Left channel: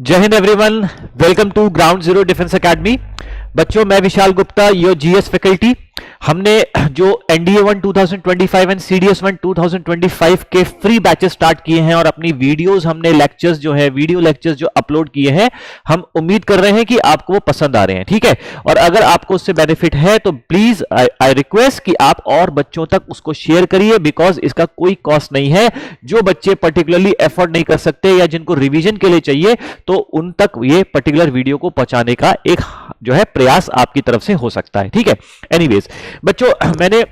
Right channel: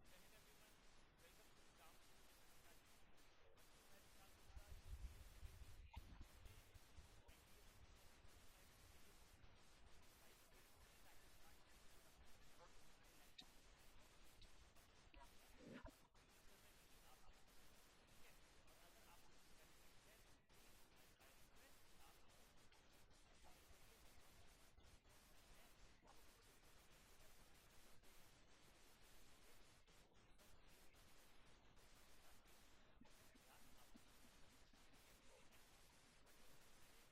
जय हिंद everyone, welcome to ground zero defence academy. बच्चों, मैं Vishal Gupta, your GS faculty. हमने जो एनडीए 1 2025 एंड सीडीएस 1 2025 के फ्री बैचेस स्टार्ट किए हैं और अपनी वीडियोस, हमने लेक्चर्स जो है, वीडियो लेक्चर्स जो अपलोड किए हैं, हम उम्मीद कर रहे हैं कि आपको वो पसंद आ रहे हैं। ठीक है, और अगर आपको उससे बेनिफिट है तो प्लीज आई रिक्वेस्ट कि आप और बच्चों तक उसको शेयर करिए, बिकॉज इसका कोई कॉस्ट नहीं है। जो बच्चे पर्टिकुलरली एफर्ट नहीं कर सकते या जिनको रिवीजन के लिए चाहिए, तो उन तक ये पर्टिकुलर वीडियो को पहुंचाने का एक जो है प्रयास आपकी तरफ से हो सकता है। ठीक है, एनीवेज बच्चों, मैंने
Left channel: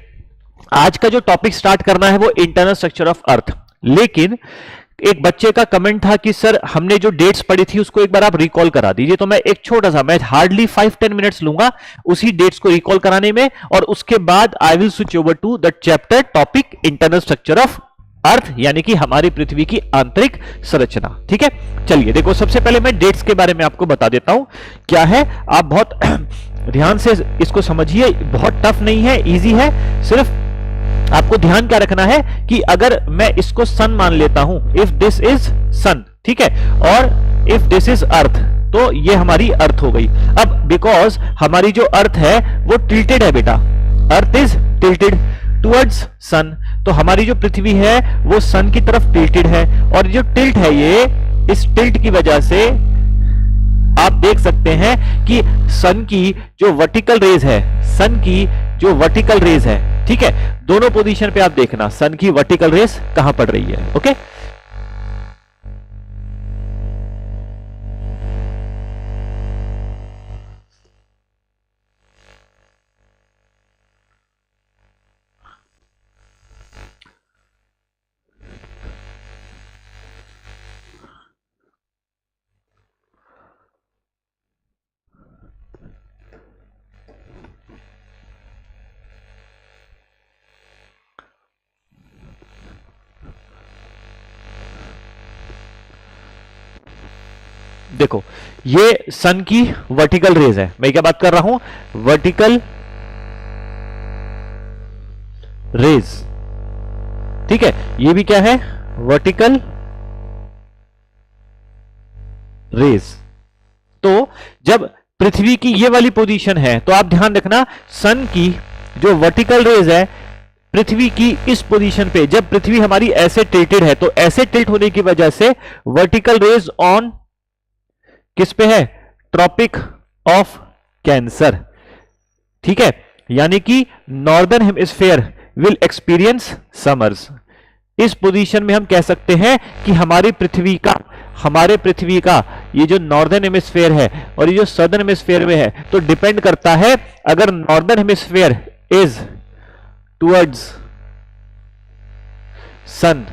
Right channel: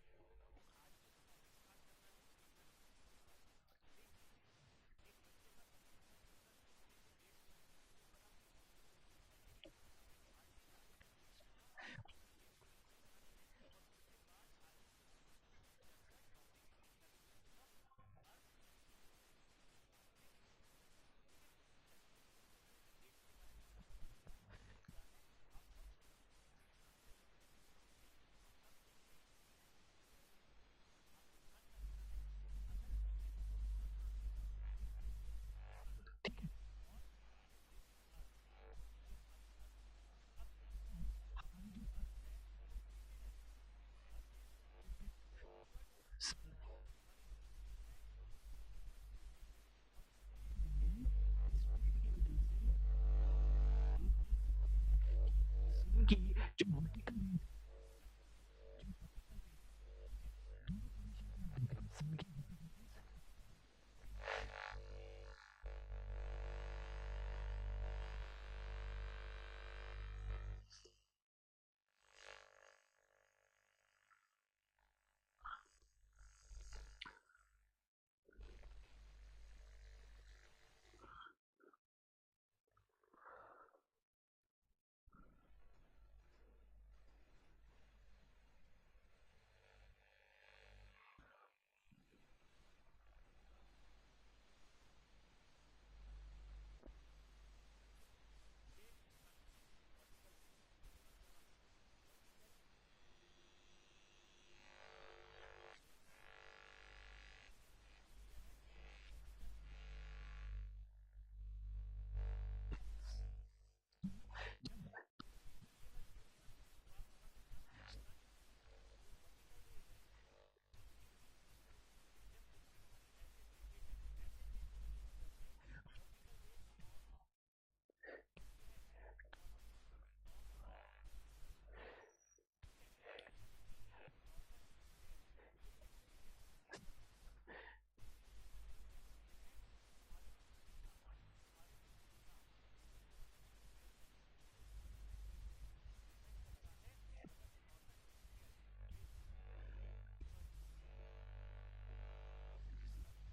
आज का जो टॉपिक स्टार्ट करना है वो इंटरनल स्ट्रक्चर ऑफ अर्थ। लेकिन एक बच्चे का कमेंट था कि सर हमने जो डेट्स पढ़ी थी उसको एक बार आप रिकॉल करा दीजिए। तो मैं एक छोटा सा, मैं हार्डली 5-10 मिनट्स लूंगा उसी डेट्स को रिकॉल कराने में, और उसके बाद I will switch over to the chapter topic internal structure of earth, यानी कि हमारी पृथ्वी की आंतरिक संरचना। ठीक है, चलिए देखो, सबसे पहले मैं डेट्स के बारे में आपको बता देता हूं क्या है। आप बहुत ध्यान से इसको समझिए, बहुत टफ नहीं है, इजी है। सिर्फ आपको ध्यान क्या रखना है कि अगर मैं इसको सन मान लेता हूं, इफ दिस इज सन, ठीक है, और इफ दिस इज अर्थ, तो ये हमारी अर्थ हो गई। अब बिकॉज हमारी जो अर्थ है वो टिल्टेड है बेटा, अर्थ इज टिल्टेड टुवर्ड्स सन, तो हमारी जो पृथ्वी है वो सन की तरफ टिल्टेड है। और जो टिल्ट है, ये इस टिल्ट की वजह से आप देख सकते हैं कि सन की जो वर्टिकल रेज है, सन की जो वर्टिकल रेज है, ठीक है, दोनों पोजीशन पे आप देखना सन की वर्टिकल रेज कहां पड़ रही है। ओके, देखो ये सन की वर्टिकल रेज है। मैं क्या बात कर रहा हूं, वर्टिकल रेज, ठीक है, ये भी क्या है, वर्टिकल रेज। तो जब पृथ्वी की ये वाली पोजीशन है तो आप ध्यान रखना, सन की जो वर्टिकल रेज है पृथ्वी की इस पोजीशन पे, जब पृथ्वी हमारी ऐसे टिल्टेड है, तो ऐसे टिल्ट होने की वजह से वर्टिकल रेज ऑन किस पे है, ट्रॉपिक ऑफ कैंसर। ठीक है, यानी कि northern hemisphere will experience summers. इस पोजीशन में हम कह सकते हैं कि हमारे पृथ्वी का ये जो नॉर्दर्न हेमिस्फीयर है और ये जो सदर्न हेमिस्फीयर में है, तो डिपेंड करता है, अगर नॉर्दर्न हेमिस्फीयर इज टुवर्ड्स सन,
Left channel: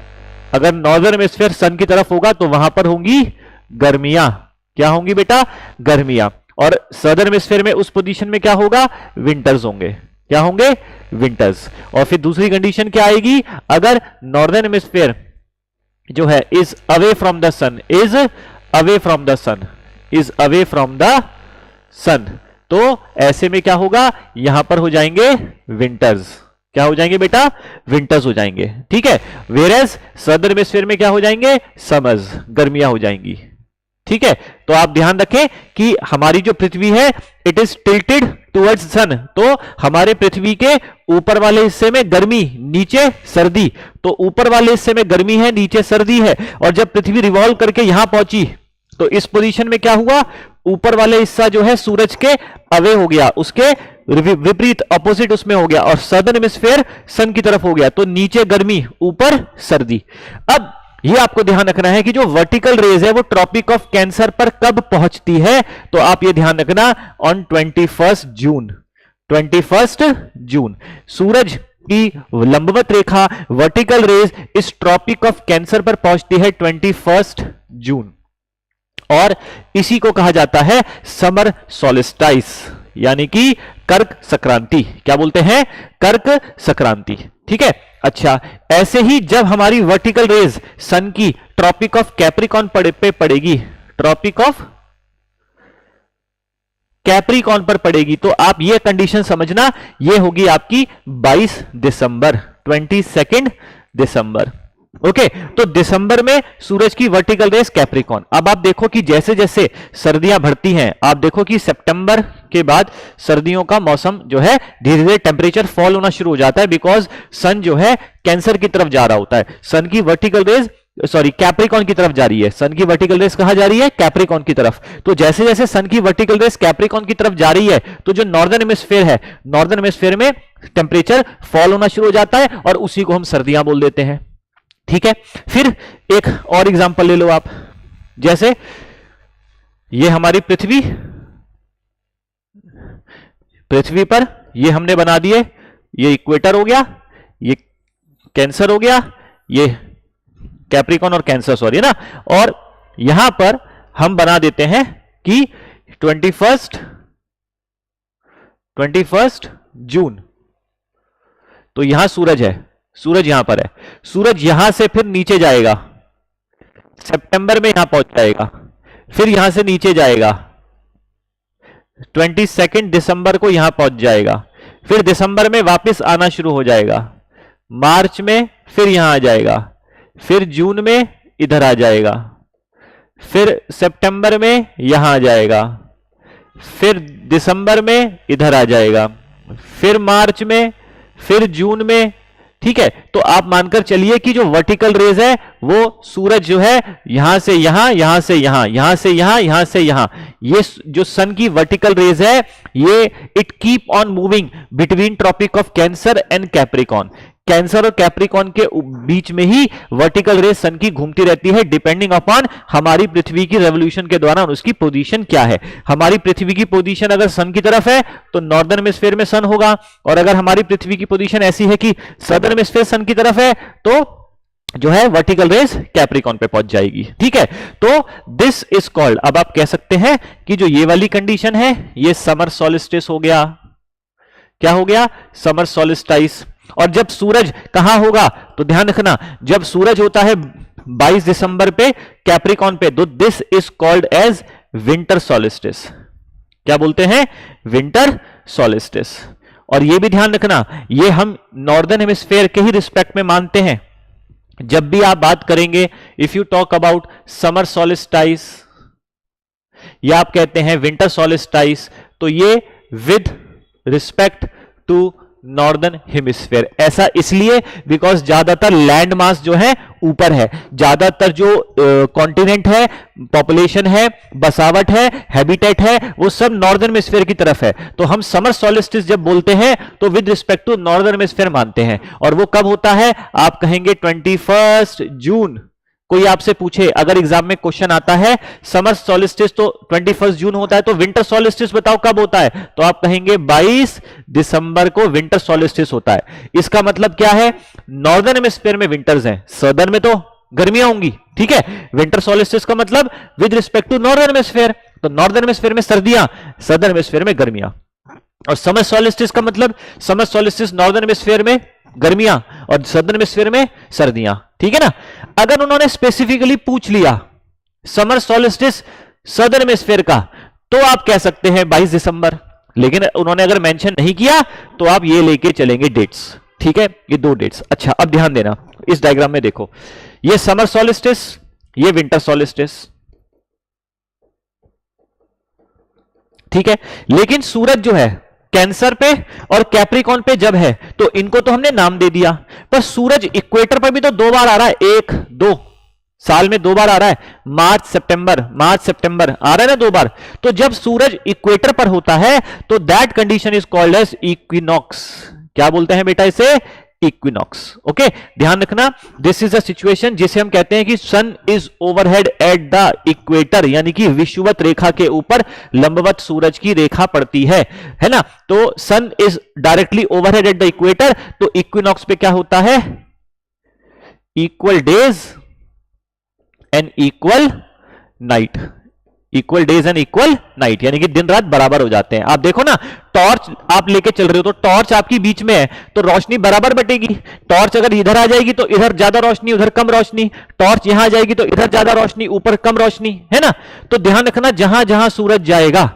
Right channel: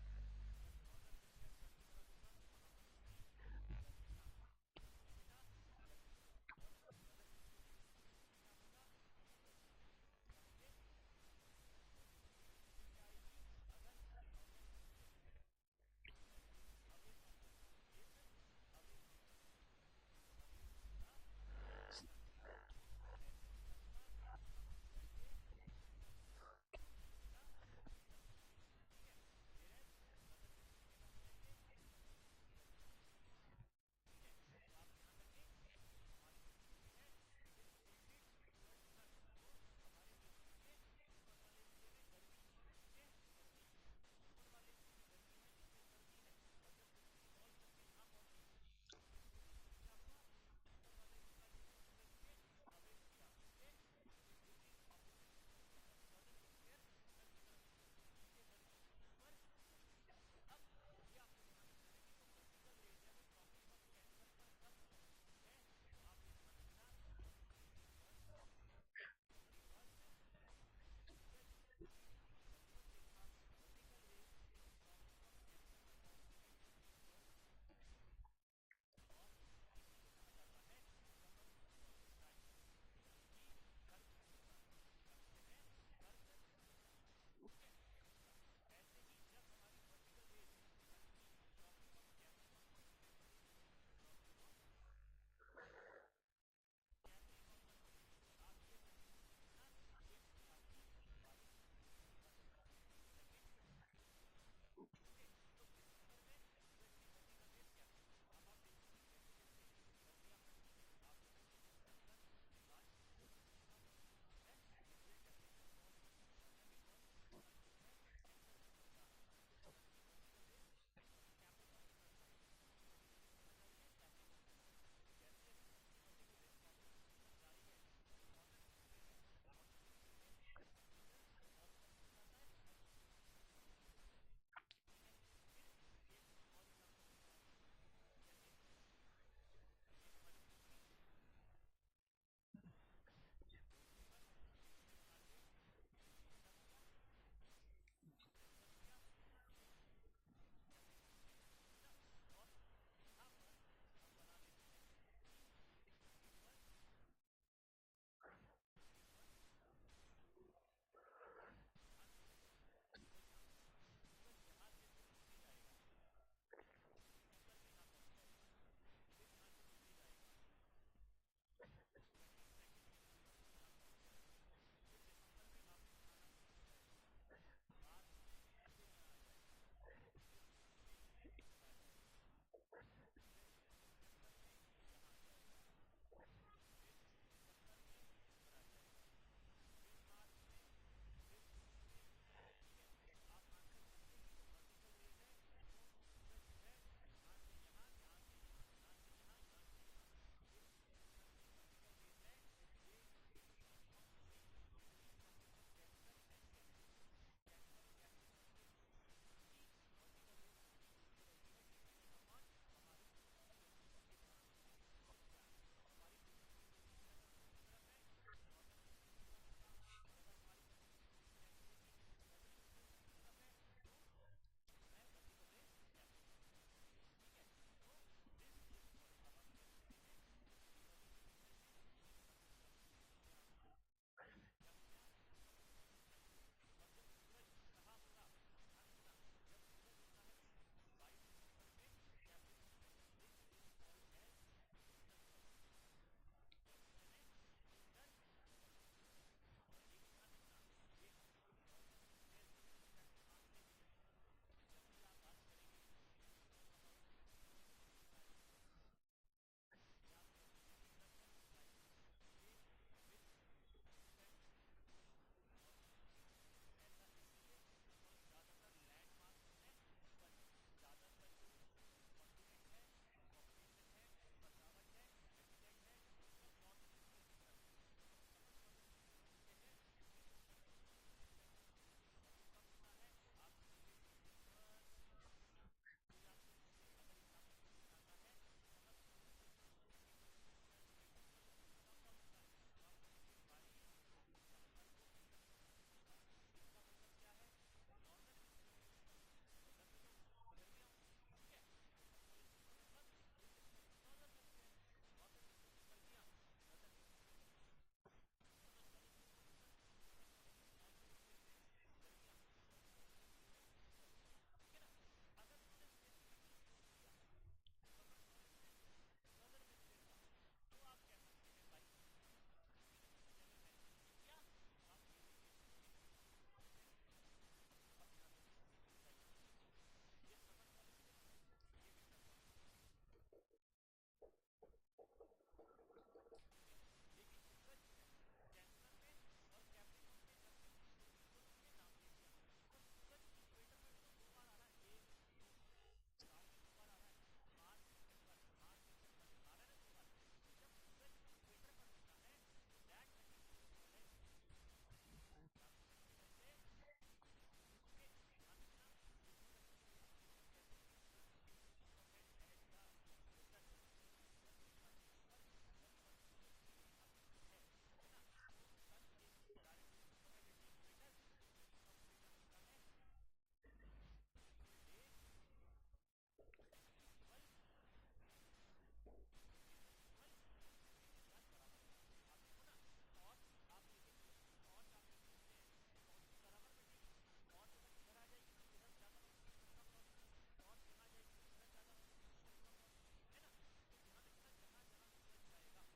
अगर नॉर्दर्न हेमिस्फीयर सन की तरफ होगा तो वहां पर होंगी गर्मियां। क्या होंगी बेटा, गर्मियां। और सदर्न हेमिस्फीयर में उस पोजीशन में क्या होगा, विंटर्स होंगे। क्या होंगे, विंटर्स। और फिर दूसरी कंडीशन क्या आएगी, अगर नॉर्दर्न हेमिस्फीयर जो है is away from the sun, is away from the sun, is away from the sun, तो ऐसे में क्या होगा, यहां पर हो जाएंगे विंटर्स। क्या हो जाएंगे बेटा, विंटर्स हो जाएंगे। ठीक है, वेयरएज सदर्न हेमिस्फीयर में क्या हो जाएंगे, समर्स, गर्मियां हो जाएंगी। ठीक है, तो आप ध्यान रखें कि हमारी जो पृथ्वी है इट इज टिल्टेड टुवर्ड्स सन, तो हमारे पृथ्वी के ऊपर वाले हिस्से में गर्मी, नीचे सर्दी, तो ऊपर वाले हिस्से में गर्मी है, नीचे सर्दी है। और जब पृथ्वी रिवॉल्व करके यहां पहुंची तो इस पोजीशन में क्या हुआ, ऊपर वाले हिस्सा जो है सूरज के अवे हो गया, उसके विपरीत ऑपोजिट उसमें हो गया, और सदर्न हेमिस्फीयर सन की तरफ हो गया, तो नीचे गर्मी, ऊपर सर्दी। अब ये आपको ध्यान रखना है कि जो वर्टिकल रेज है वो ट्रॉपिक ऑफ कैंसर पर कब पहुंचती है, तो आप ये ध्यान रखना, ऑन 21 जून। 21 जून सूरज की लंबवत रेखा, वर्टिकल रेज इस ट्रॉपिक ऑफ कैंसर पर पहुंचती है 21 जून, और इसी को कहा जाता है समर सॉलिस्टाइस, यानी कि कर्क संक्रांति। क्या बोलते हैं, कर्क संक्रांति। ठीक है, अच्छा, ऐसे ही जब हमारी वर्टिकल रेज सन की ट्रॉपिक ऑफ कैप्रिकॉन पे पड़ेगी, ट्रॉपिक ऑफ कैप्रिकॉन पर पड़ेगी, तो आप ये कंडीशन समझना, ये होगी आपकी 22 दिसंबर, 22 दिसंबर। ओके तो दिसंबर में सूरज की वर्टिकल रेस कैप्रिकॉन। अब आप देखो कि जैसे जैसे सर्दियां बढ़ती हैं, आप देखो कि सितंबर के बाद सर्दियों का मौसम जो है धीरे धीरे टेम्परेचर फॉल होना शुरू हो जाता है, बिकॉज सन जो है कैंसर की तरफ जा रहा होता है। सन की वर्टिकल रेस कैप्रिकॉन की तरफ जा रही है। सन की वर्टिकल रेस कहां जा रही है? कैप्रिकॉन की तरफ। तो जैसे जैसे सन की वर्टिकल रेस कैप्रिकॉन की तरफ जा रही है, तो जो नॉर्दर्न हेमिस्फीयर है, नॉर्दर्न हेमिस्फीयर में टेम्परेचर फॉल होना शुरू हो जाता है और उसी को हम सर्दियां बोल देते हैं। ठीक है, फिर एक और एग्जांपल ले लो आप, जैसे ये हमारी पृथ्वी, पृथ्वी पर ये हमने बना दिए, ये इक्वेटर हो गया, ये कैंसर हो गया, ये कैप्रिकॉन और कैंसर सॉरी ना, और यहां पर हम बना देते हैं कि 21 जून। तो यहां सूरज है, सूरज यहां पर है, सूरज यहां से फिर नीचे जाएगा, सितंबर में यहां पहुंच जाएगा, फिर यहां से नीचे जाएगा, 22 दिसंबर को यहां पहुंच जाएगा, फिर दिसंबर में वापस आना शुरू हो जाएगा, मार्च में फिर यहां आ जाएगा, फिर जून में इधर आ जाएगा, फिर सितंबर में यहां आ जाएगा, फिर दिसंबर में इधर आ जाएगा, फिर मार्च में, फिर जून में। ठीक है, तो आप मानकर चलिए कि जो वर्टिकल रेज है वो सूरज जो है यहां से यहां, यहां से यहां, यहां से यहां, यहां से यहां, ये जो सन की वर्टिकल रेज है ये it keep on moving between tropic of Cancer and Capricorn. Cancer और कैप्रिकॉन के बीच में ही वर्टिकल रेस सन की घूमती रहती है, डिपेंडिंग अपॉन हमारी पृथ्वी की रेवोल्यूशन के दौरान उसकी पोजीशन क्या है। हमारी पृथ्वी की पोजीशन अगर सन की तरफ है तो नॉर्दर्न हेमिस्फीयर में सन होगा, और अगर हमारी पृथ्वी की पोजीशन ऐसी है कि सदर्न हेमिस्फीयर सन की तरफ है तो जो है वर्टिकल रेस कैप्रिकॉन पे पहुंच जाएगी। ठीक है, तो दिस इज कॉल्ड, अब आप कह सकते हैं कि जो ये वाली कंडीशन है ये समर सॉलिस्टिस हो गया। क्या हो गया? समर सॉलिस्टाइस। और जब सूरज कहां होगा तो ध्यान रखना, जब सूरज होता है 22 दिसंबर पे कैप्रिकॉन पे, तो this is called as winter solstice. क्या बोलते हैं? Winter solstice. और ये भी ध्यान रखना, ये हम नॉर्दर्न हेमिस्फीयर के ही रिस्पेक्ट में मानते हैं। जब भी आप बात करेंगे, if you talk about summer solstice या आप कहते हैं विंटर सॉलिस्टाइस, तो ये with respect to northern hemisphere. ऐसा इसलिए बिकॉज ज्यादातर लैंड मास जो है ऊपर है, ज्यादातर जो कॉन्टिनेंट है, पॉपुलेशन है, बसावट है, हैबिटेट है, वो सब नॉर्दर्न हेमिस्फीयर की तरफ है। तो हम समर सॉलिस्टिस जब बोलते हैं तो with respect to northern hemisphere मानते हैं। और वो कब होता है? आप कहेंगे 21 जून। कोई आपसे पूछे, अगर एग्जाम में क्वेश्चन आता है समर सॉलिस्टिस तो 21 जून होता है, तो विंटर सॉलिस्टिस बताओ कब होता है, तो आप कहेंगे 22 दिसंबर को विंटर सॉलिस्टिस होता है। इसका मतलब क्या है? नॉर्दर्न हेमिस्फीयर में विंटर्स हैं, सदर्न में तो गर्मियां होंगी। ठीक है, विंटर सॉलिस्टिस का मतलब with respect to northern hemisphere, तो नॉर्दर्न हेमिस्फीयर में सर्दियां, सदर्न हेमिस्फीयर में गर्मियां। और समर सॉलिस्टिस का मतलब समर सॉलिस्टिस नॉर्दर्न हेमिस्फीयर में गर्मियां और सदर्न हेमिस्फीयर में सर्दियां। ठीक है ना। अगर उन्होंने स्पेसिफिकली पूछ लिया समर सॉलिस्टिस सदर्न हेमिस्फीयर का, तो आप कह सकते हैं 22 दिसंबर। लेकिन उन्होंने अगर मेंशन नहीं किया तो आप ये लेके चलेंगे डेट्स। ठीक है, ये दो डेट्स। अच्छा, अब ध्यान देना, इस डायग्राम में देखो, ये समर सॉलिस्टिस, ये विंटर सॉलिस्टिस। ठीक है, लेकिन सूरज जो है कैंसर पे और कैप्रिकॉन पे जब है तो इनको तो हमने नाम दे दिया, पर सूरज इक्वेटर पर भी तो दो बार आ रहा है, 1-2 साल में 2 बार आ रहा है, मार्च सितंबर आ रहा है ना 2 बार। तो जब सूरज इक्वेटर पर होता है तो that condition is called as equinox. क्या बोलते हैं बेटा इसे? इक्विनॉक्स। ओके, ध्यान रखना, दिस इज अ सिचुएशन जिसे हम कहते हैं कि sun is overhead at the equator, यानी कि विषुवत रेखा के ऊपर लंबवत सूरज की रेखा पड़ती है ना। तो sun is directly overhead at the equator, तो इक्विनॉक्स पे क्या होता है? Equal days and equal night, equal days and equal night, यानी कि दिन रात बराबर हो जाते हैं। आप देखो ना, टॉर्च आप लेके चल रहे हो तो टॉर्च आपकी बीच में है तो रोशनी बराबर बटेगी। टॉर्च अगर इधर आ जाएगी तो इधर ज्यादा रोशनी, उधर कम रोशनी, टॉर्च यहां आ जाएगी तो इधर ज्यादा रोशनी, ऊपर कम रोशनी, है ना। तो ध्यान रखना, जहां जहां सूरज जाएगा,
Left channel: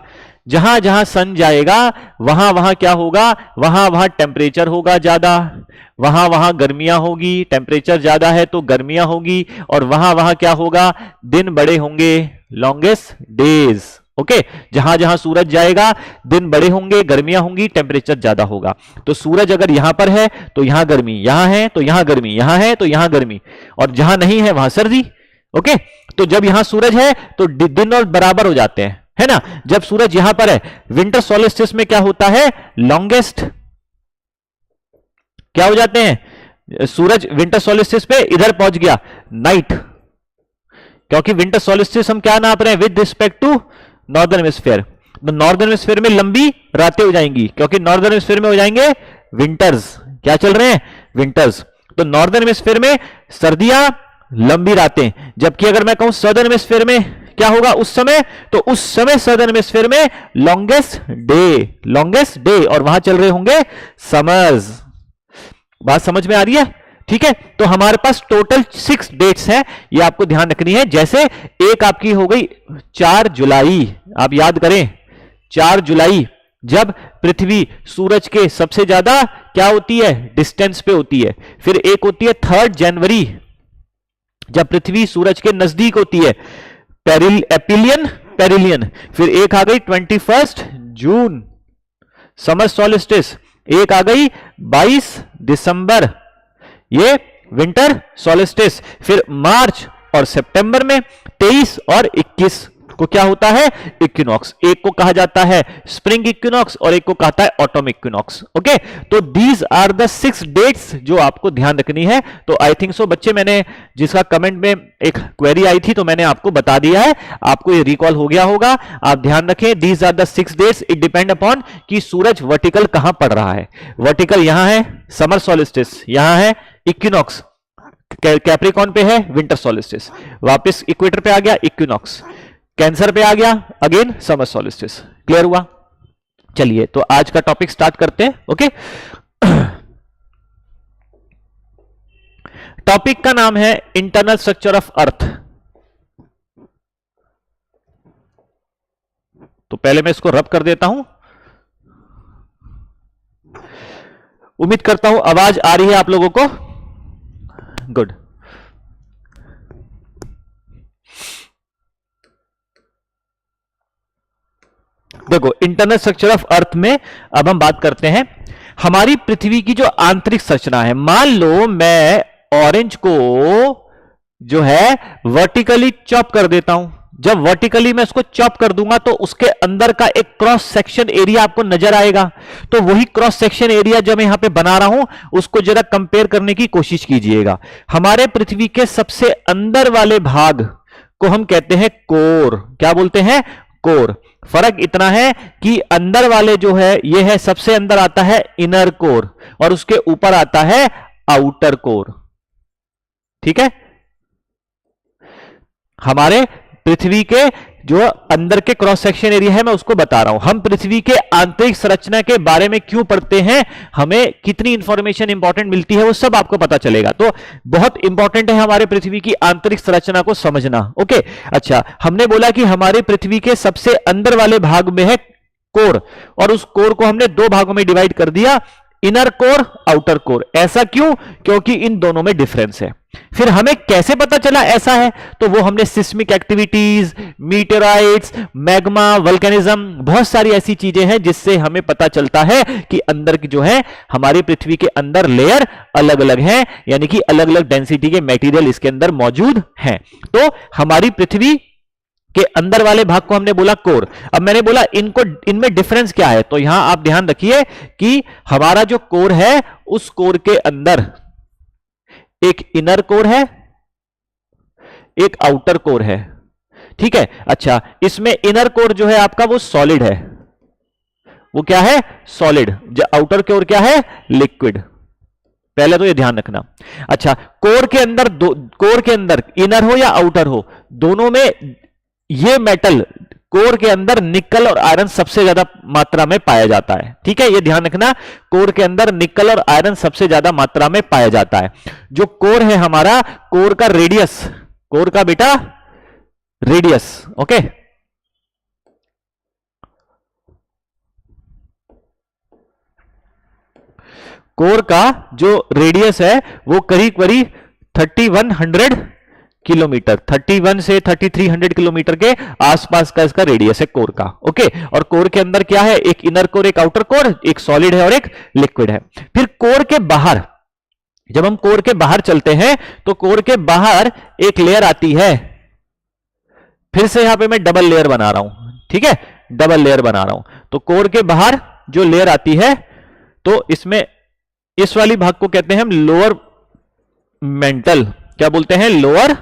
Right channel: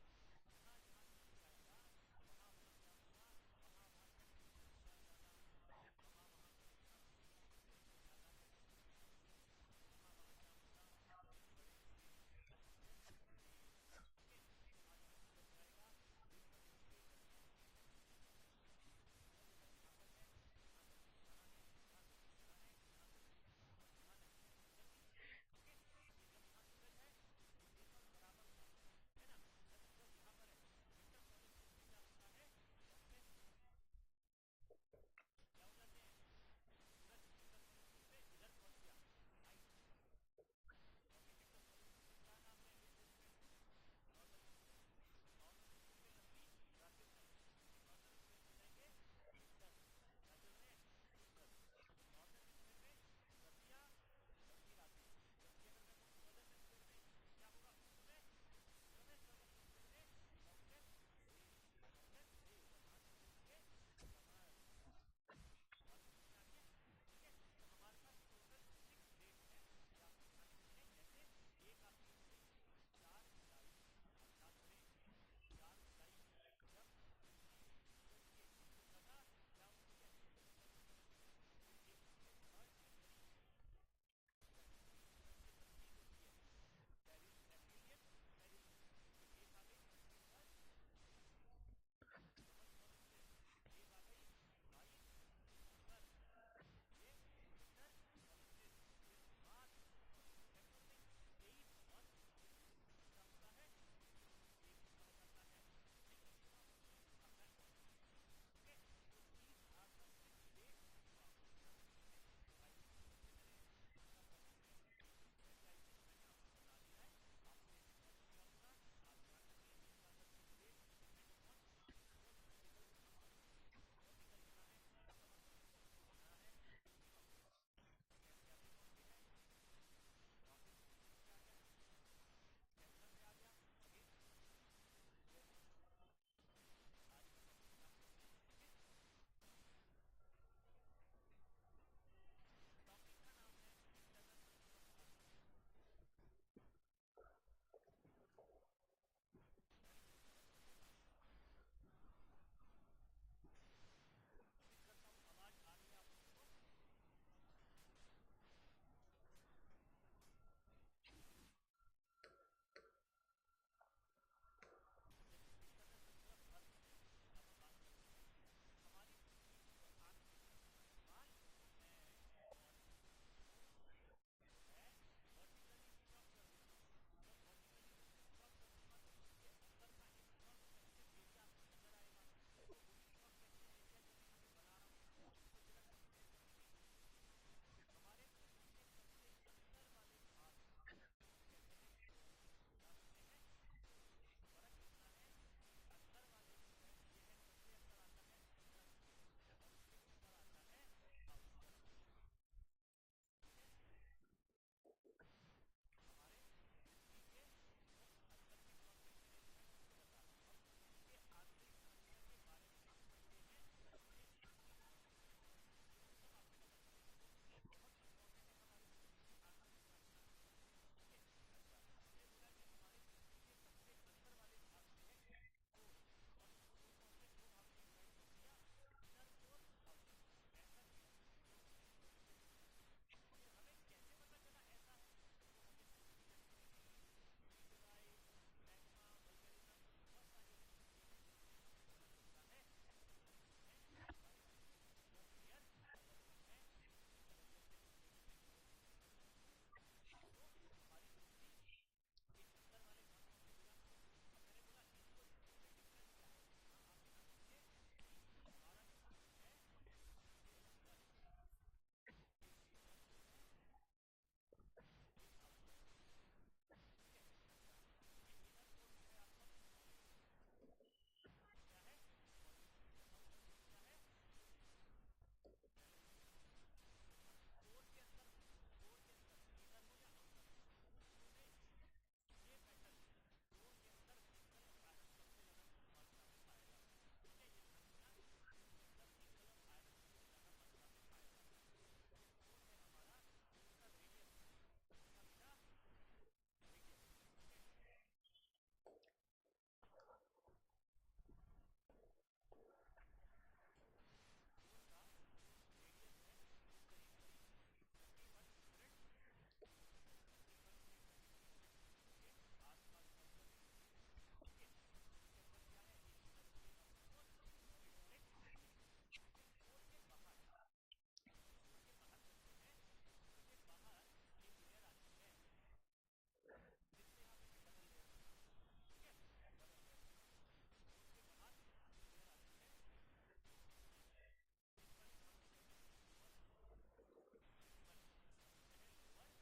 जहां जहां सन जाएगा वहां वहां क्या होगा, वहां वहां टेम्परेचर होगा ज्यादा, वहां वहां गर्मियां होगी, टेम्परेचर ज्यादा है तो गर्मियां होगी, और वहां वहां क्या होगा, दिन बड़े होंगे, लॉन्गेस्ट डेज। ओके, जहां जहां सूरज जाएगा दिन बड़े होंगे, गर्मियां होंगी, टेम्परेचर ज्यादा होगा। तो सूरज अगर यहां पर है तो यहां गर्मी, यहां है तो यहां गर्मी, यहां है तो यहां गर्मी, और जहां नहीं है वहां सर्दी। ओके, तो जब यहां सूरज है तो दिन और बराबर हो जाते हैं, है ना। जब सूरज यहां पर है, विंटर सोलिस्टिस में क्या होता है, लॉन्गेस्ट क्या हो जाते हैं, सूरज विंटर सोलिस्टिस पे इधर पहुंच गया, नाइट, क्योंकि विंटर सोलिस्टिस हम क्या नाप रहे हैं, with respect to northern hemisphere. तो नॉर्दर्न हेमिस्फीयर में लंबी रातें हो जाएंगी, क्योंकि नॉर्दर्न हेमिस्फीयर में हो जाएंगे विंटर्स, क्या चल रहे हैं, विंटर्स। तो नॉर्दर्न हेमिस्फीयर में सर्दियां, लंबी रातें, जबकि अगर मैं कहूं सदर्न हेमिस्फीयर में क्या होगा उस समय, तो उस समय सदर्न हेमिस्फीयर में लॉन्गेस्ट डे, और वहां चल रहे होंगे समर्स। बात समझ में आ रही है, ठीक है। तो हमारे पास टोटल 6 डेट्स हैं, ये आपको ध्यान रखनी है। जैसे एक आपकी हो गई 4 जुलाई, आप याद करें 4 जुलाई, जब पृथ्वी सूरज के सबसे ज्यादा क्या होती है, डिस्टेंस पे होती है। फिर एक होती है 3 जनवरी, जब पृथ्वी सूरज के नजदीक होती है, पेरिलियन। फिर एक आ गई 21 जून, समर सोलिस्टिस। एक आ गई 22 दिसंबर, ये विंटर सोलिस्टिस। फिर मार्च और सितंबर में 23 और 21 को क्या होता है, इक्विनॉक्स। एक को कहा जाता है स्प्रिंग इक्विनॉक्स और एक को कहता है ऑटम इक्विनॉक्स। ओके, तो दीज आर द 6 डेट्स जो आपको ध्यान रखनी है। तो आई थिंक सो बच्चे, मैंने जिसका कमेंट में एक क्वेरी आई थी तो मैंने आपको बता दिया है, आपको ये रिकॉल हो गया होगा। आप ध्यान रखें, these are the 6 dates, it depend upon कि सूरज वर्टिकल कहां पड़ रहा है। वर्टिकल यहां है समर सोलिस्टिस, यहां है इक्विनॉक्स, कैप्रिकॉन पे है विंटर सोलिस्टिस, वापस इक्वेटर पे आ गया इक्विनॉक्स, कैंसर पे आ गया अगेन समर सोलिस्टिस। क्लियर हुआ? चलिए, तो आज का टॉपिक स्टार्ट करते हैं। ओके, टॉपिक का नाम है इंटरनल स्ट्रक्चर ऑफ अर्थ। तो पहले मैं इसको रब कर देता हूं। उम्मीद करता हूं आवाज आ रही है आप लोगों को। गुड। देखो, इंटरनल स्ट्रक्चर ऑफ अर्थ में अब हम बात करते हैं हमारी पृथ्वी की जो आंतरिक संरचना है। मान लो मैं ऑरेंज को जो है वर्टिकली चॉप कर देता हूं। जब वर्टिकली मैं उसको चॉप कर दूंगा तो उसके अंदर का एक क्रॉस सेक्शन एरिया आपको नजर आएगा। तो वही क्रॉस सेक्शन एरिया जब मैं यहां पे बना रहा हूं उसको जरा कंपेयर करने की कोशिश कीजिएगा। हमारे पृथ्वी के सबसे अंदर वाले भाग को हम कहते हैं कोर। क्या बोलते हैं? कोर। फर्क इतना है कि अंदर वाले जो है ये है, सबसे अंदर आता है इनर कोर और उसके ऊपर आता है आउटर कोर। ठीक है, हमारे पृथ्वी के जो अंदर के क्रॉस सेक्शन एरिया है मैं उसको बता रहा हूं। हम पृथ्वी के आंतरिक संरचना के बारे में क्यों पढ़ते हैं, हमें कितनी इंफॉर्मेशन इंपॉर्टेंट मिलती है वो सब आपको पता चलेगा। तो बहुत इंपॉर्टेंट है हमारे पृथ्वी की आंतरिक संरचना को समझना। ओके, अच्छा, हमने बोला कि हमारे पृथ्वी के सबसे अंदर वाले भाग में है कोर, और उस कोर को हमने 2 भागों में डिवाइड कर दिया, इनर कोर, आउटर कोर। ऐसा क्यों? क्योंकि इन दोनों में डिफरेंस है। फिर हमें कैसे पता चला ऐसा है? तो वो हमने सिस्मिक एक्टिविटीज, मीटेराइट्स, मैग्मा, वल्केनिज्म, बहुत सारी ऐसी चीजें हैं जिससे हमें पता चलता है कि अंदर की जो है हमारी पृथ्वी के अंदर लेयर अलग अलग हैं, यानी कि अलग अलग डेंसिटी के मटेरियल इसके अंदर मौजूद हैं। तो हमारी पृथ्वी के अंदर वाले भाग को हमने बोला कोर। अब मैंने बोला इनमें डिफरेंस क्या है, तो यहां आप ध्यान रखिए कि हमारा जो कोर है उस कोर के अंदर एक इनर कोर है, एक आउटर कोर है। ठीक है, अच्छा, इसमें इनर कोर जो है आपका वो सॉलिड है। वो क्या है? सॉलिड। आउटर कोर क्या है? लिक्विड। पहले तो ये ध्यान रखना। अच्छा, कोर के अंदर इनर हो या आउटर हो, दोनों में ये मेटल कोर के अंदर निकल और आयरन सबसे ज्यादा मात्रा में पाया जाता है। ठीक है, ये ध्यान रखना, कोर के अंदर निकल और आयरन सबसे ज्यादा मात्रा में पाया जाता है। जो कोर है हमारा, कोर का रेडियस, कोर का बेटा रेडियस, ओके, कोर का जो रेडियस है वो करीब करीब 3100 किलोमीटर, 31 से 3300 किलोमीटर के आसपास का इसका रेडियस है कोर का। ओके, और कोर के अंदर क्या है, एक इनर कोर, एक आउटर कोर, एक सॉलिड है और एक लिक्विड है। फिर कोर के बाहर, जब हम कोर के बाहर चलते हैं तो कोर के बाहर एक लेयर आती है, फिर से यहां पे मैं डबल लेयर बना रहा हूं, ठीक है, डबल लेयर बना रहा हूं। तो कोर के बाहर जो लेयर आती है तो इसमें इस वाली भाग को कहते हैं हम लोअर मेंटल, क्या बोलते हैं, लोअर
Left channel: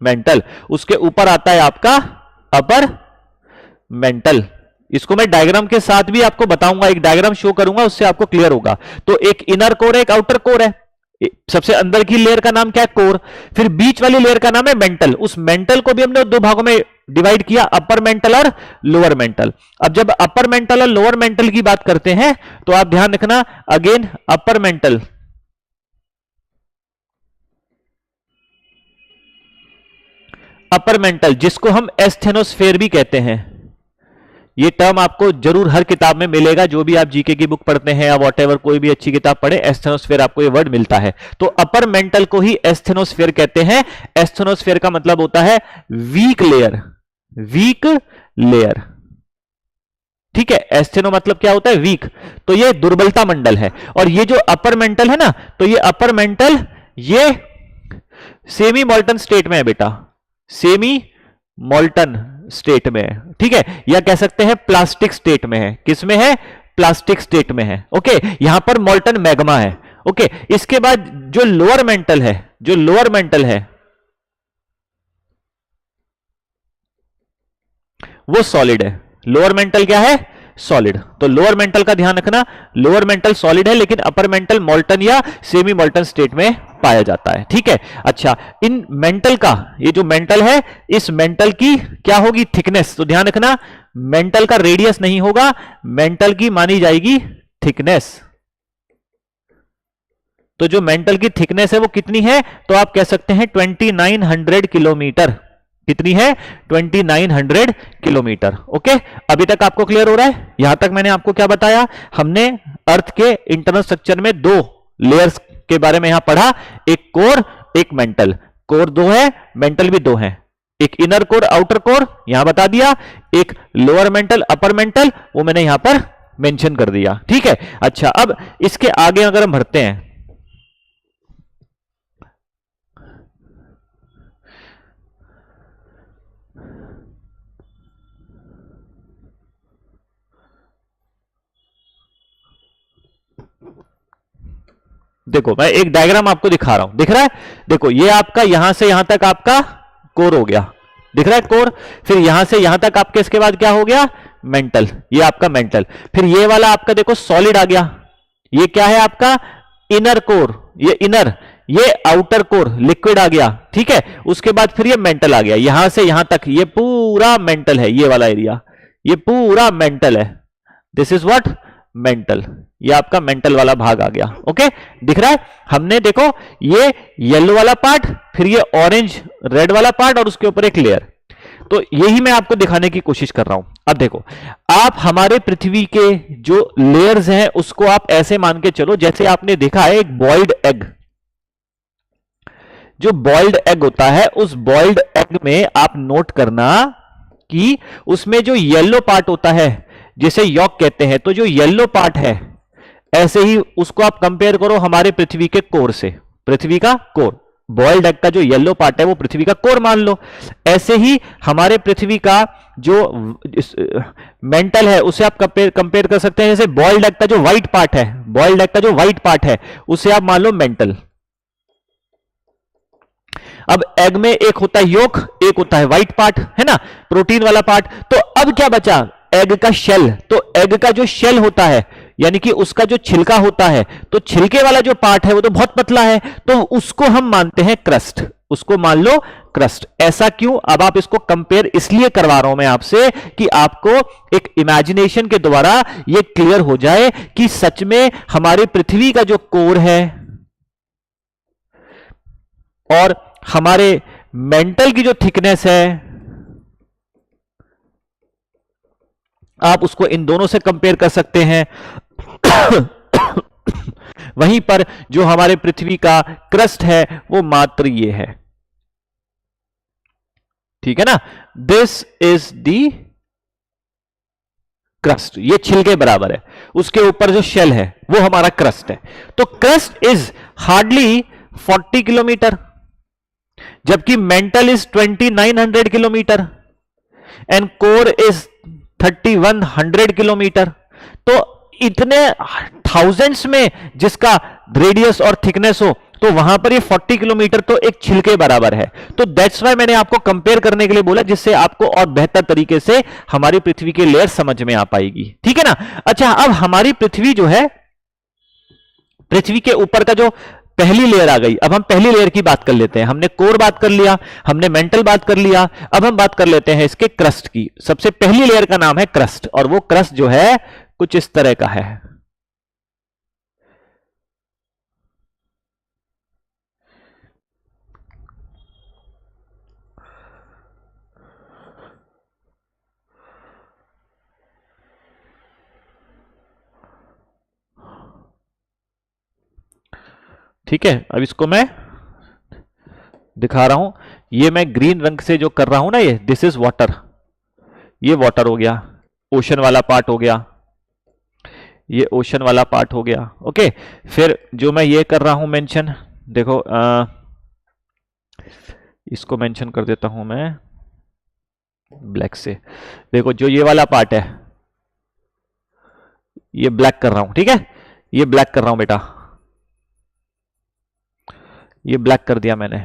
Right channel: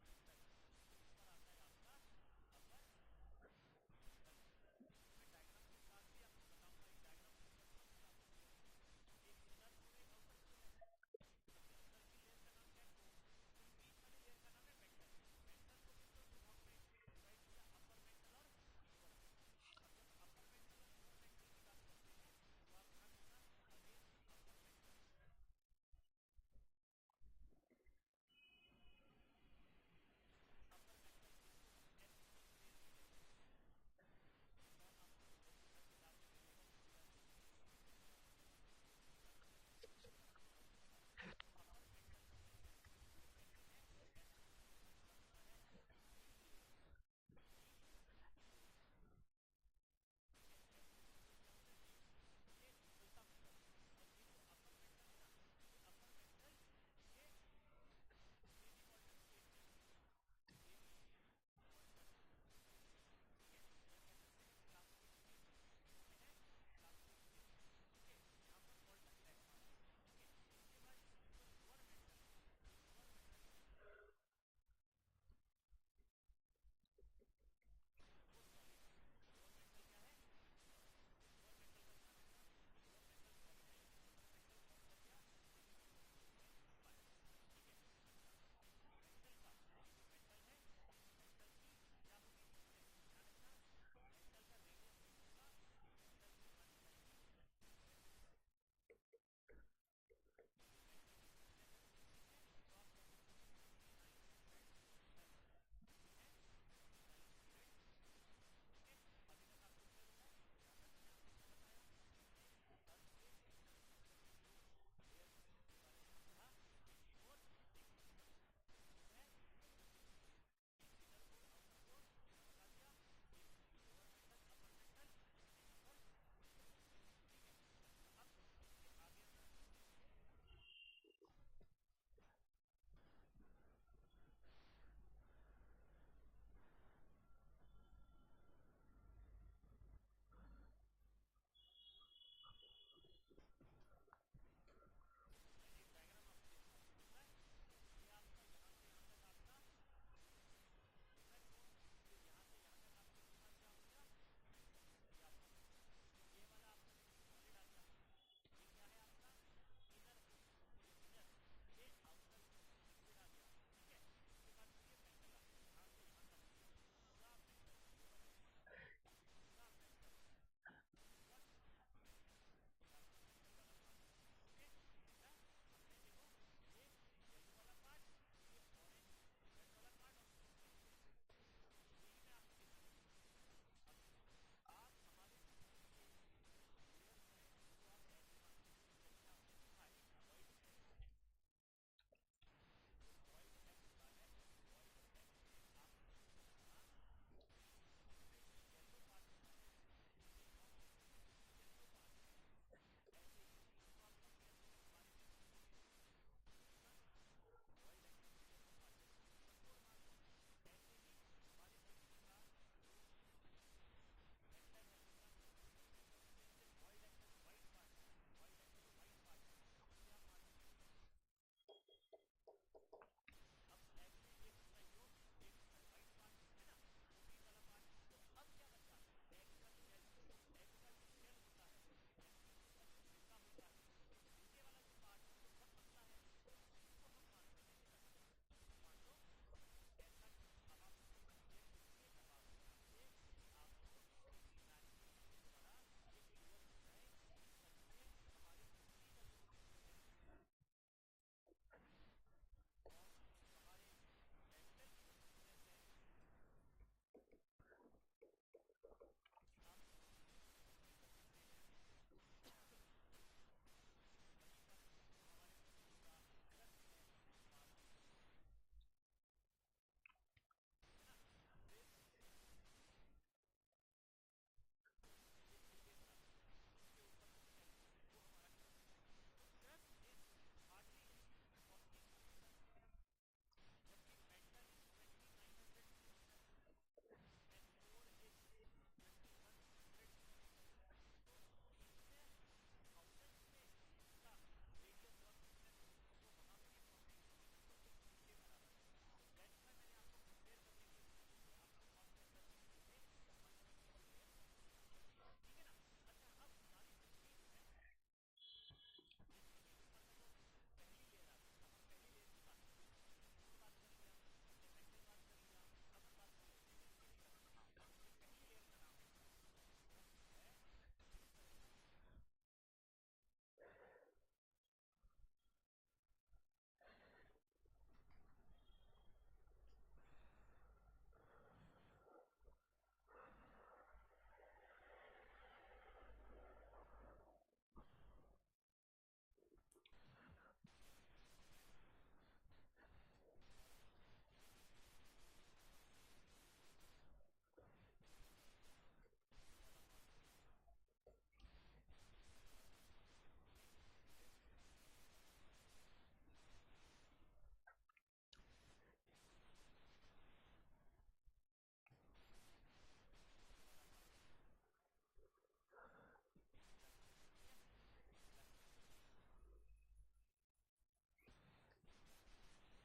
मेंटल। उसके ऊपर आता है आपका अपर मेंटल। इसको मैं डायग्राम के साथ भी आपको बताऊंगा, एक डायग्राम शो करूंगा, उससे आपको क्लियर होगा। तो एक इनर कोर है, एक आउटर कोर है। सबसे अंदर की लेयर का नाम क्या है, कोर। फिर बीच वाली लेयर का नाम है मेंटल। उस मेंटल को भी हमने दो भागों में डिवाइड किया, अपर मेंटल और लोअर मेंटल। अब जब अपर मेंटल और लोअर मेंटल की बात करते हैं तो आप ध्यान रखना, again upper mantle, upper mantle जिसको हम एस्थेनोस्फेयर भी कहते हैं। ये टर्म आपको जरूर हर किताब में मिलेगा, जो भी आप जीके की बुक पढ़ते हैं या वॉटएवर कोई भी अच्छी किताब पढ़े, एस्थेनोस्फेयर आपको ये वर्ड मिलता है। तो अपर मेंटल को ही एस्थेनोस्फेयर कहते हैं। एस्थेनोस्फेयर का मतलब होता है वीक लेयर, वीक लेयर, ठीक है। एस्थेनो मतलब क्या होता है, वीक, तो ये दुर्बलता मंडल है। और ये जो अपर मेंटल है ना, तो ये अपर मेंटल ये सेमी मोल्टन स्टेट में है बेटा, सेमी मोल्टन स्टेट में है, ठीक है, या कह सकते हैं प्लास्टिक स्टेट में है। किस में है, प्लास्टिक स्टेट में है। ओके, यहां पर मोल्टन मैग्मा है। ओके, इसके बाद जो लोअर मेंटल है, जो लोअर मेंटल है वो सॉलिड है। लोअर मेंटल क्या है, सॉलिड। तो लोअर मेंटल का ध्यान रखना, लोअर मेंटल सॉलिड है, लेकिन अपर मेंटल मोल्टन या सेमी मोल्टन स्टेट में पाया जाता है, ठीक है। अच्छा, इन मेंटल का, ये जो मेंटल है, इस मेंटल की क्या होगी, थिकनेस। तो ध्यान रखना, मेंटल का रेडियस नहीं होगा, मेंटल की मानी जाएगी थिकनेस। तो जो मेंटल की थिकनेस है वो कितनी है, तो आप कह सकते हैं 2900 किलोमीटर। कितनी है, 2900 किलोमीटर। ओके, अभी तक आपको क्लियर हो रहा है। यहां तक मैंने आपको क्या बताया, हमने अर्थ के इंटरनल स्ट्रक्चर में दो लेयर्स के बारे में यहां पढ़ा, एक कोर, एक मेंटल। कोर दो है, मेंटल भी दो है, एक इनर कोर, आउटर कोर यहां बता दिया, एक लोअर मेंटल, अपर मेंटल, वो मैंने यहां पर मेंशन कर दिया, ठीक है। अच्छा, अब इसके आगे अगर हम बढ़ते हैं, देखो मैं एक डायग्राम आपको दिखा रहा हूं, दिख रहा है, देखो ये आपका यहां से यहां तक आपका कोर हो गया, दिख रहा है कोर। फिर यहां से यहां तक आपके इसके बाद क्या हो गया, मेंटल, ये आपका मेंटल। फिर ये वाला आपका देखो सॉलिड आ गया, ये क्या है आपका इनर कोर, ये इनर, ये आउटर कोर लिक्विड आ गया, ठीक है। उसके बाद फिर ये मेंटल आ गया, यहां से यहां तक ये पूरा मेंटल है, ये वाला एरिया ये पूरा मेंटल है। दिस इज व्हाट, मेंटल, ये आपका मेंटल वाला भाग आ गया। ओके, दिख रहा है, हमने देखो ये येलो वाला पार्ट, फिर ये ऑरेंज रेड वाला पार्ट और उसके ऊपर एक लेयर। तो यही मैं आपको दिखाने की कोशिश कर रहा हूं। अब देखो, आप हमारे पृथ्वी के जो लेयर्स हैं उसको आप ऐसे मान के चलो जैसे आपने देखा है एक बॉइल्ड एग। जो बॉइल्ड एग होता है, उस बॉइल्ड एग में आप नोट करना कि उसमें जो येलो पार्ट होता है जिसे यॉक कहते हैं, तो जो येलो पार्ट है, ऐसे ही उसको आप कंपेयर करो हमारे पृथ्वी के कोर से, पृथ्वी का कोर, बॉइल्ड एग का जो येलो पार्ट है वो पृथ्वी का कोर मान लो। ऐसे ही हमारे पृथ्वी का जो मेंटल है उसे आप कंपेयर कर सकते हैं, जैसे बॉइल्ड एग का जो व्हाइट पार्ट है, बॉइल्ड एग का जो व्हाइट पार्ट है उसे आप मान लो मेंटल। अब एग में एक होता है योक, एक होता है व्हाइट पार्ट, है ना, प्रोटीन वाला पार्ट। तो अब क्या बचा, एग का शेल। तो एग का जो शेल होता है, यानी कि उसका जो छिलका होता है, तो छिलके वाला जो पार्ट है वो तो बहुत पतला है, तो उसको हम मानते हैं क्रस्ट, उसको मान लो क्रस्ट। ऐसा क्यों, अब आप इसको कंपेयर इसलिए करवा रहा हूं मैं आपसे कि आपको एक इमेजिनेशन के द्वारा ये क्लियर हो जाए कि सच में हमारी पृथ्वी का जो कोर है और हमारे मेंटल की जो थिकनेस है, आप उसको इन दोनों से कंपेयर कर सकते हैं। वहीं पर जो हमारे पृथ्वी का क्रस्ट है वो मात्र ये है, ठीक है ना। दिस इज दी क्रस्ट, ये छिलके बराबर है, उसके ऊपर जो शेल है वो हमारा क्रस्ट है। तो क्रस्ट इज हार्डली 40 किलोमीटर, जबकि mental is 2900 kilometre and core is 3100 kilometre. तो इतने थाउजेंड्स में जिसका रेडियस और थिकनेस हो, तो वहां पर ये 40 किलोमीटर तो एक छिलके बराबर है। तो दैट्स वाई मैंने आपको कंपेयर करने के लिए बोला, जिससे आपको और बेहतर तरीके से हमारी पृथ्वी की लेयर समझ में आ पाएगी, ठीक है ना। अच्छा, अब हमारी पृथ्वी जो है, पृथ्वी के ऊपर का जो पहली लेयर आ गई, अब हम पहली लेयर की बात कर लेते हैं। हमने कोर बात कर लिया, हमने मेंटल बात कर लिया, अब हम बात कर लेते हैं इसके क्रस्ट की। सबसे पहली लेयर का नाम है क्रस्ट, और वो क्रस्ट जो है कुछ इस तरह का है। ठीक है, अब इसको मैं दिखा रहा हूं। ये मैं ग्रीन रंग से जो कर रहा हूं ना, ये दिस इज वाटर, ये वाटर हो गया, ओशन वाला पार्ट हो गया, ये ओशन वाला पार्ट हो गया। ओके, फिर जो मैं ये कर रहा हूं मेंशन, देखो इसको मेंशन कर देता हूं मैं ब्लैक से। देखो जो ये वाला पार्ट है, ये ब्लैक कर रहा हूं, ठीक है, ये ब्लैक कर रहा हूं बेटा, ये ब्लैक कर दिया मैंने।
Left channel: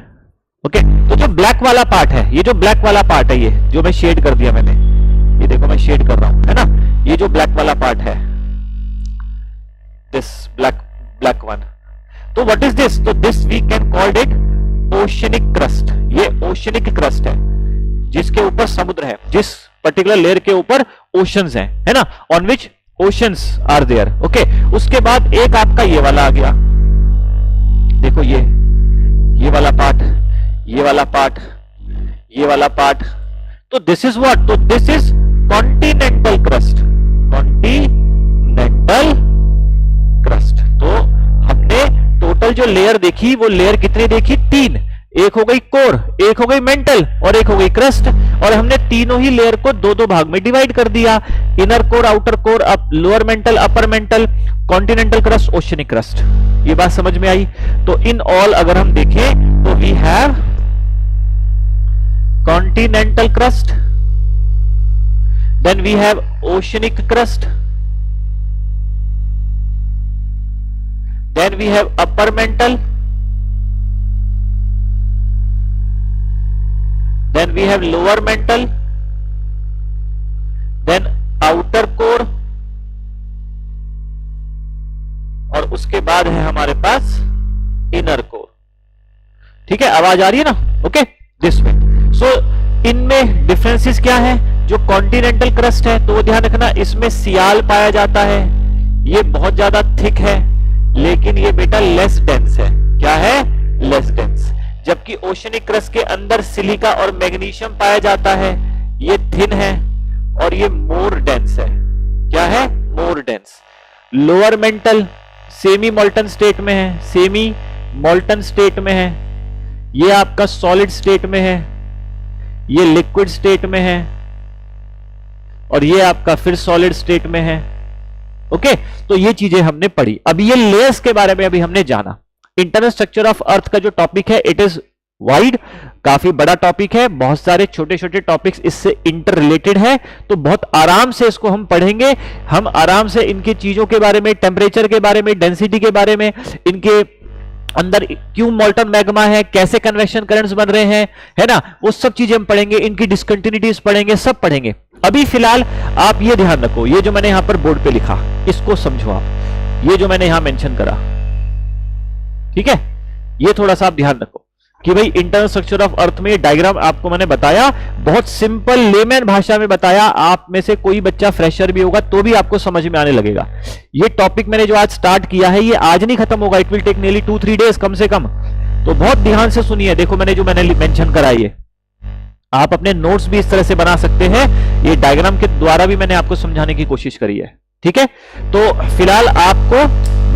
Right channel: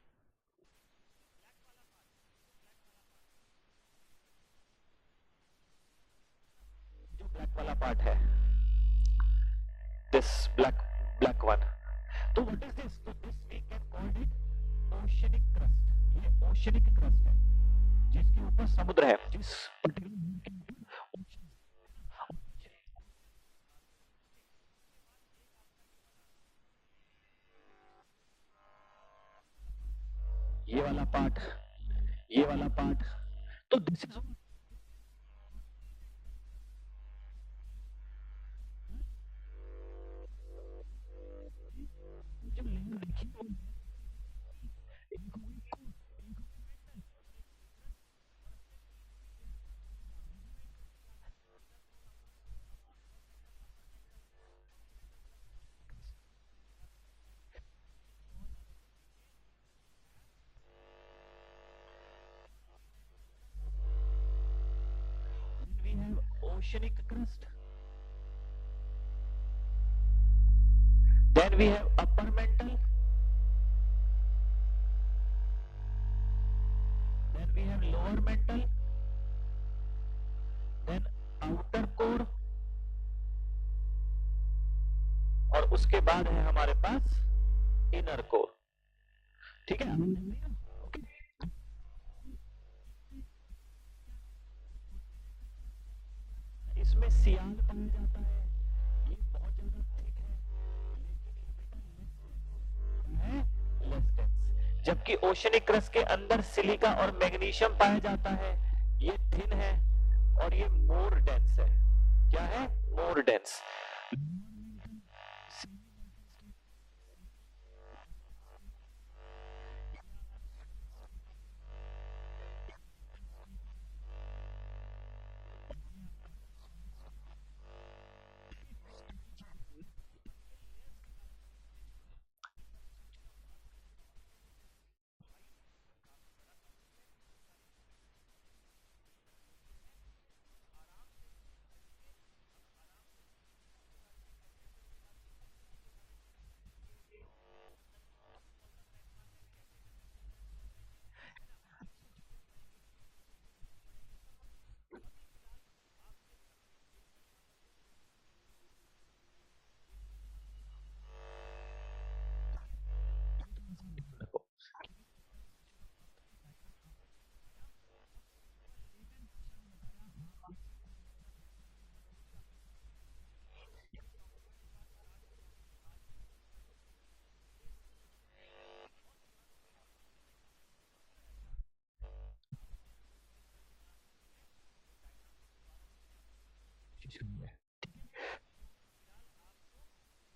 ओके, तो जो ब्लैक वाला पार्ट है, ये जो ब्लैक वाला पार्ट है, ये जो मैं शेड कर दिया मैंने, ये देखो मैं शेड कर रहा हूं, है ना। ये जो ब्लैक वाला पार्ट है, दिस ब्लैक वन, तो व्हाट इज दिस? तो this we can called it oceanic crust. ये ओशनिक क्रस्ट है, जिसके ऊपर समुद्र है, जिस पर्टिकुलर लेयर के ऊपर ओशंस हैं, है ना, on which oceans are there. Okay, उसके बाद एक आपका ये वाला आ गया, देखो ये वाला पार्ट, ये वाला पार्ट, ये वाला पार्ट, तो दिस इज व्हाट? तो this is continental crust, continental crust. तो हमने टोटल जो लेयर देखी, वो लेयर कितनी देखी? 3। एक हो गई कोर, एक हो गई मेंटल, और एक हो गई क्रस्ट। और हमने तीनों ही लेयर को दो भाग में डिवाइड कर दिया, inner core, outer core, lower mental, upper mantle, continental crust, oceanic crust. ये बात समझ में आई? तो इन ऑल अगर हम देखें तो we have continental crust, then we have oceanic crust, then we have upper mantle, then we have lower mantle, then outer core, और उसके बाद है हमारे पास इनर कोर। ठीक है, आवाज आ रही है ना? Okay, this way. सो इनमें डिफरेंसेस क्या है? जो कॉन्टिनेंटल क्रस्ट है, तो ध्यान रखना, इसमें सियाल पाया जाता है, ये बहुत ज्यादा थिक है, लेकिन ये बेटा लेस डेंस है। क्या है? Less dense. जबकि ओशनिक क्रस्ट के अंदर सिलिका और मैग्नीशियम पाया जाता है, ये थिन है और ये मोर डेंस है। क्या है? मोर dense. Lower mental semi molten state में है, सेमी मोल्टन स्टेट में है, ये आपका सॉलिड स्टेट में है, ये लिक्विड स्टेट में है, और ये आपका फिर सॉलिड स्टेट में है। ओके, तो ये चीजें हमने पढ़ी। अभी ये लेयर्स के बारे में अभी हमने जाना। इंटरनल स्ट्रक्चर ऑफ अर्थ का जो टॉपिक है, इट इज वाइड, काफी बड़ा टॉपिक है, बहुत सारे छोटे छोटे टॉपिक्स इससे इंटर रिलेटेड है, तो बहुत आराम से इसको हम पढ़ेंगे। हम आराम से इनकी चीजों के बारे में, टेम्परेचर के बारे में, डेंसिटी के बारे में, इनके अंदर क्यों मोल्टन मैग्मा है, कैसे कन्वेक्शन करंट्स बन रहे हैं, है ना, वो सब चीजें हम पढ़ेंगे, इनकी डिसकंटिन्यूटीज पढ़ेंगे, सब पढ़ेंगे। अभी फिलहाल आप ये ध्यान रखो, ये जो मैंने यहां पर बोर्ड पे लिखा, इसको समझो आप, ये जो मैंने यहां मेंशन करा, ठीक है, ये थोड़ा सा आप ध्यान रखो कि भाई इंटरनल स्ट्रक्चर ऑफ अर्थ में ये डायग्राम आपको मैंने बताया, बहुत सिंपल लेमैन भाषा में बताया। आप में से कोई बच्चा फ्रेशर भी होगा तो भी आपको समझ में आने लगेगा। ये टॉपिक मैंने जो आज स्टार्ट किया है, ये आज नहीं खत्म होगा, it will take nearly 2-3 days कम से कम। तो बहुत ध्यान से सुनिए। देखो मैंने मेंशन करा, ये आप अपने नोट्स भी इस तरह से बना सकते हैं, ये डायग्राम के द्वारा भी मैंने आपको समझाने की कोशिश करी है। ठीक है, तो फिलहाल आपको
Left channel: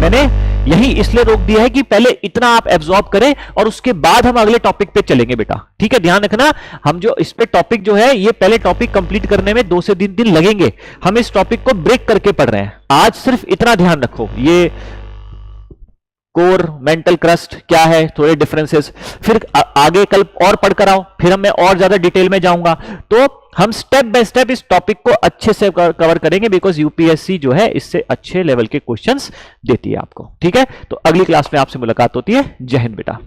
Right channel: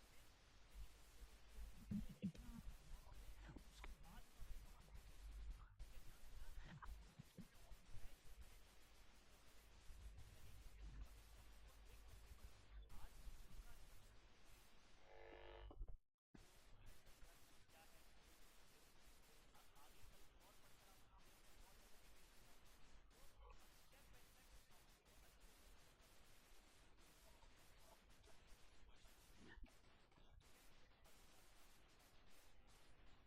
मैंने यही इसलिए रोक दिया है कि पहले इतना आप एब्जॉर्ब करें और उसके बाद हम अगले टॉपिक पे चलेंगे बेटा, ठीक है, ध्यान रखना। हम जो इस पे टॉपिक जो है, ये पहले टॉपिक कंप्लीट करने में 2 से 3 दिन लगेंगे, हम इस टॉपिक को ब्रेक करके पढ़ रहे हैं। आज सिर्फ इतना ध्यान रखो, ये कोर मेंटल क्रस्ट क्या है, थोड़े डिफरेंसेस, फिर आगे कल और पढ़कर आओ, फिर मैं और ज्यादा डिटेल में जाऊंगा। तो हम स्टेप बाय स्टेप इस टॉपिक को अच्छे से कवर करेंगे, बिकॉज यूपीएससी जो है इससे अच्छे लेवल के क्वेश्चंस देती है आपको, ठीक है। तो अगली क्लास में आपसे मुलाकात होती है। जय हिंद बेटा।